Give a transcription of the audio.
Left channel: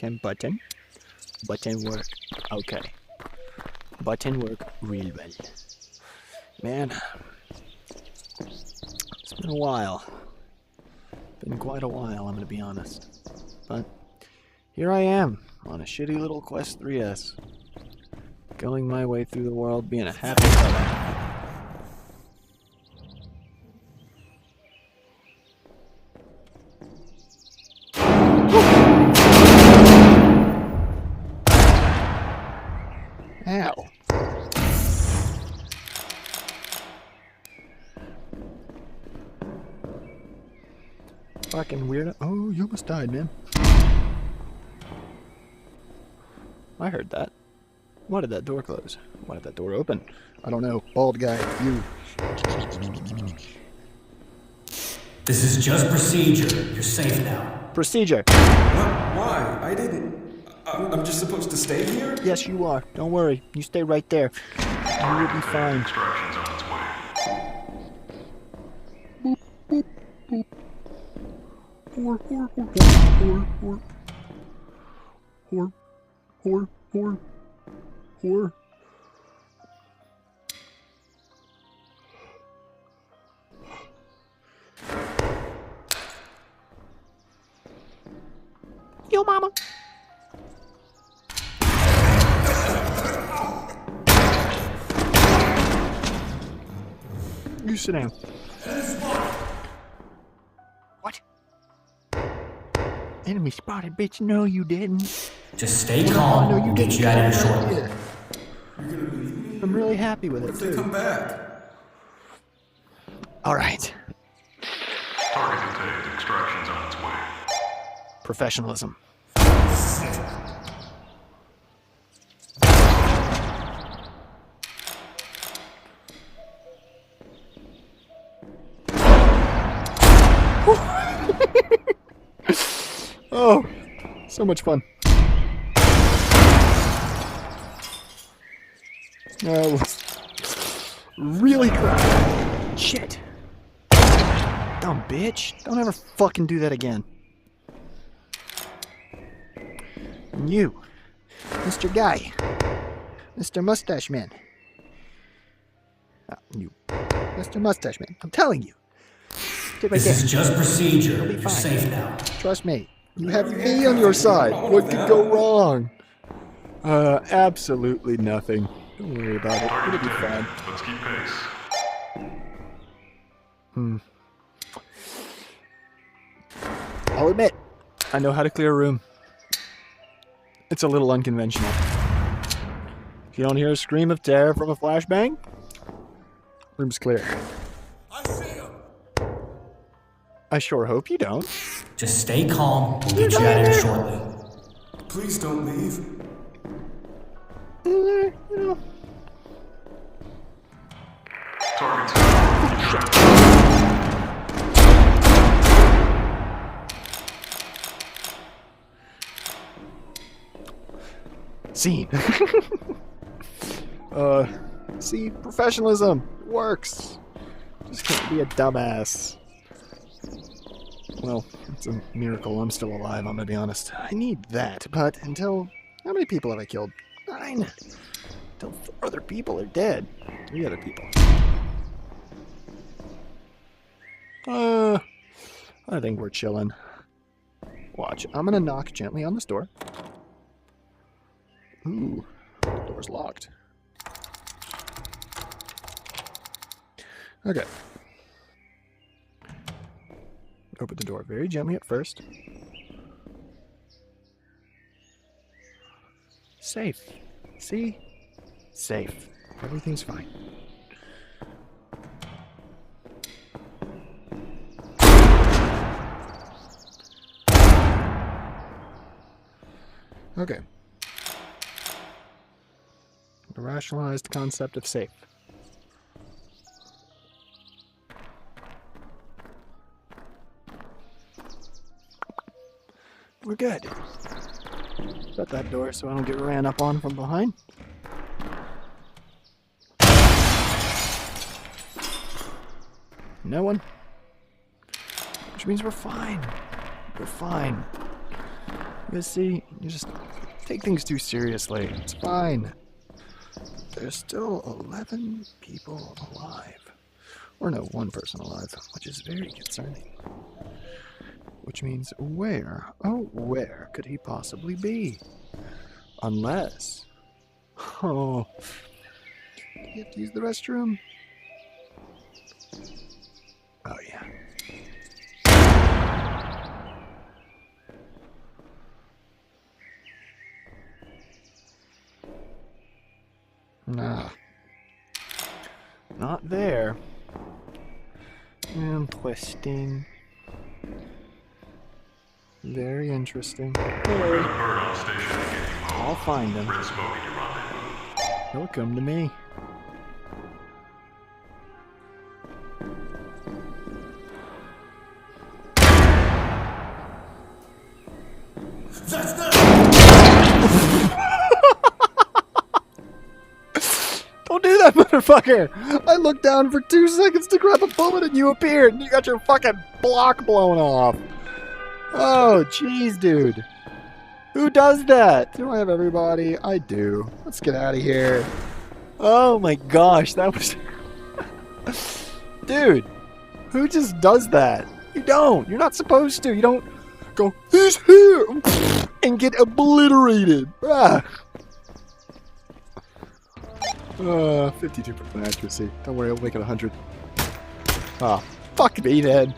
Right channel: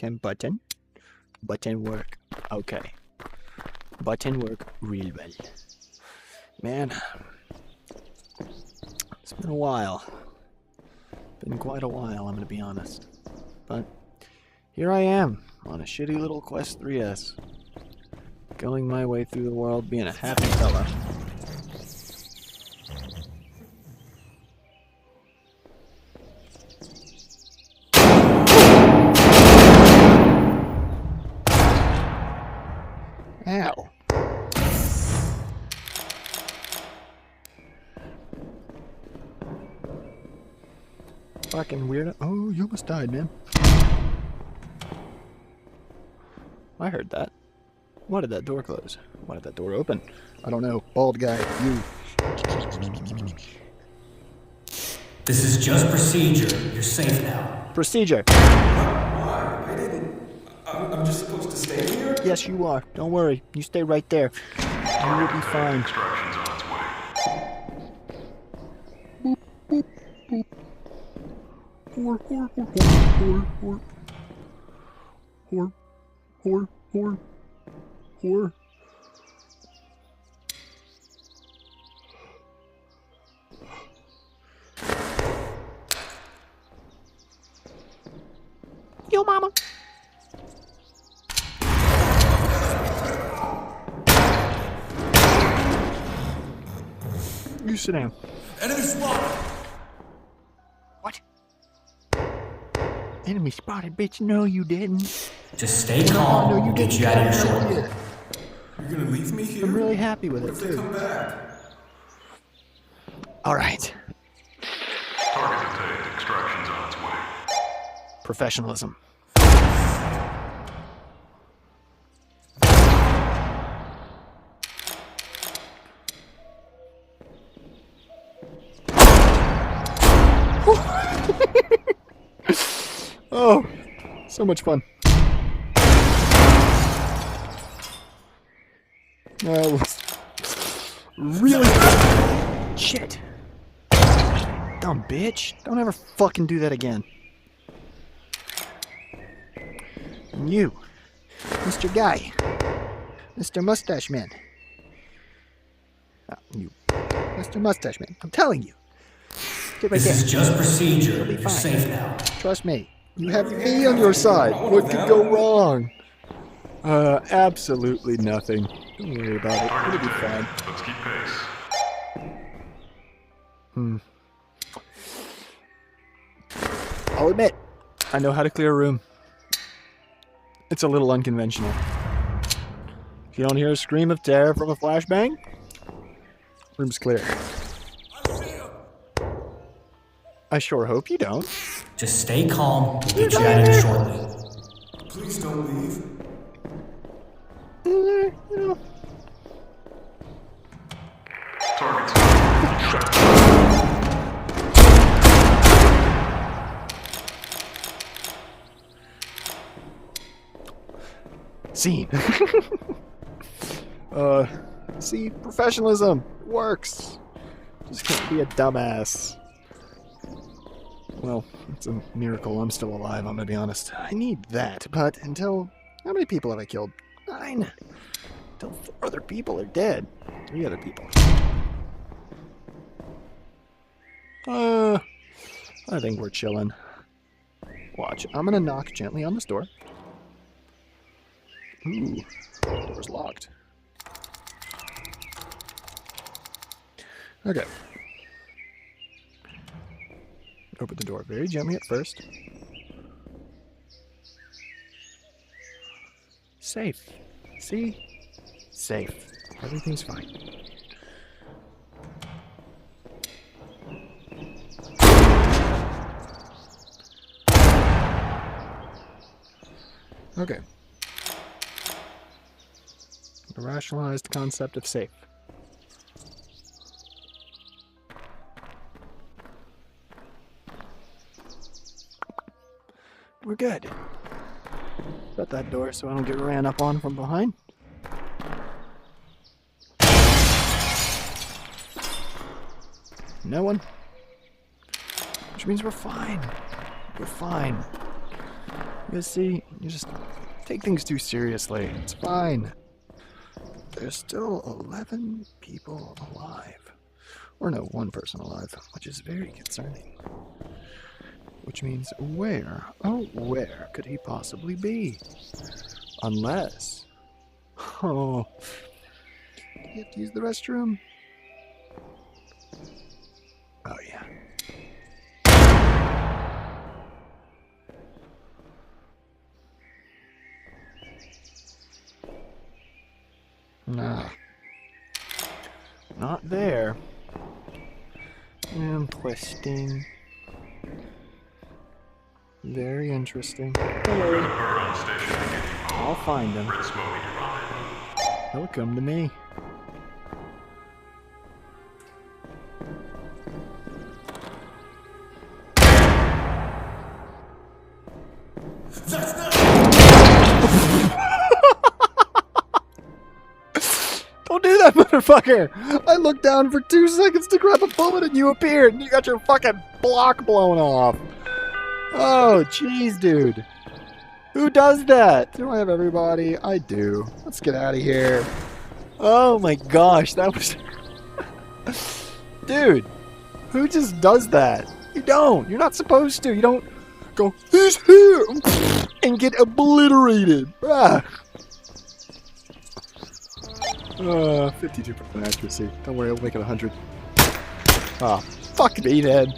Can button work? Okay. Button work real well. Man, it's been a while. Been quite a while, I'm gonna be honest. But here I am, on a shitty little Quest 3S. Going my way through the world, being a happy fella. Ow. Fucking weirdo. Oh, you almost died, man. I heard that. Why did that door close? Why did that door open? I don't know. Bald guy, you. This is just procedure. You're safe now. Procedure. What? Why? I didn't... I'm just supposed to stay here? Yes, you are. Don't worry. You stay right there. You will be fine. Extraction's on its way. Boop, boop, boop. Whore. Yo, mama. You sit down. Enemy spotted! What? Enemy spotted, bitch. No, you didn't. Just stay calm. No, you We'll get didn't. you out of here Come right shortly. here. You're gonna leave me here? I'm really happy with What it, if they too. come back? All right. Target detained. Extraction's on its way. Professionalism. Oh, so much fun. Really? Shit. Dumb bitch. Don't ever fucking do that again. And you, Mr. Guy. Mr. Mustache Man. You, Mr. Mustache Man. I'm telling you. Stay right This there. is just procedure. You'll be You're fine. safe now. Trust me. You have me on your side. What could go wrong? Absolutely nothing. Don't worry about it. Target It'll be fine. detained. Let's keep pace. I'll admit, I know how to clear a room. It's a little unconventional. If you don't hear a scream of terror from a flashbang, room's clear. I see him! I sure hope you don't. Just stay calm. We'll get you out of here shortly. Please don't leave. You know, Target's down. Keep shooting. scene. See, professionalism works. Just can't be a dumbass. Well, it's a miracle I'm still alive, I'm gonna be honest. I need that, but until... How many people have I killed? 9. Until 4 other people are dead. 3 other people. I think we're chilling. Watch, I'm gonna knock gently on this door. Ooh, door's locked. Okay. Open the door very gently at first. Safe. See? Safe. Everything's fine. Okay. The rationalized concept of safe. We're good. Shut that door so I don't get ran up on from behind. No one. Which means we're fine. We're fine. You see, you just take things too seriously. It's fine. There's still 11 people alive. Or no, one person alive, which is very concerning. Which means where, oh, where could he possibly be? Unless... Oh... Do you have to use the restroom? Oh, yeah. Nah. Not there. Interesting. Very interesting. There's a bird on station to get you home. I'll find him. Red smoke in your rendezvous. He'll come to me. That's not. Don't do that, motherfucker! I looked down for 2 seconds to grab a bullet and you appeared and you got your fucking block blown off. Oh, jeez, dude. Who does that? Do I have everybody? I do. Let's get out of here. Oh my gosh, that was... Dude, who just does that? You don't. You're not supposed to. You don't go, he's here, and get obliterated. Ah. 52% accuracy. Don't worry, I'll make it 100. Ah, fuck me then.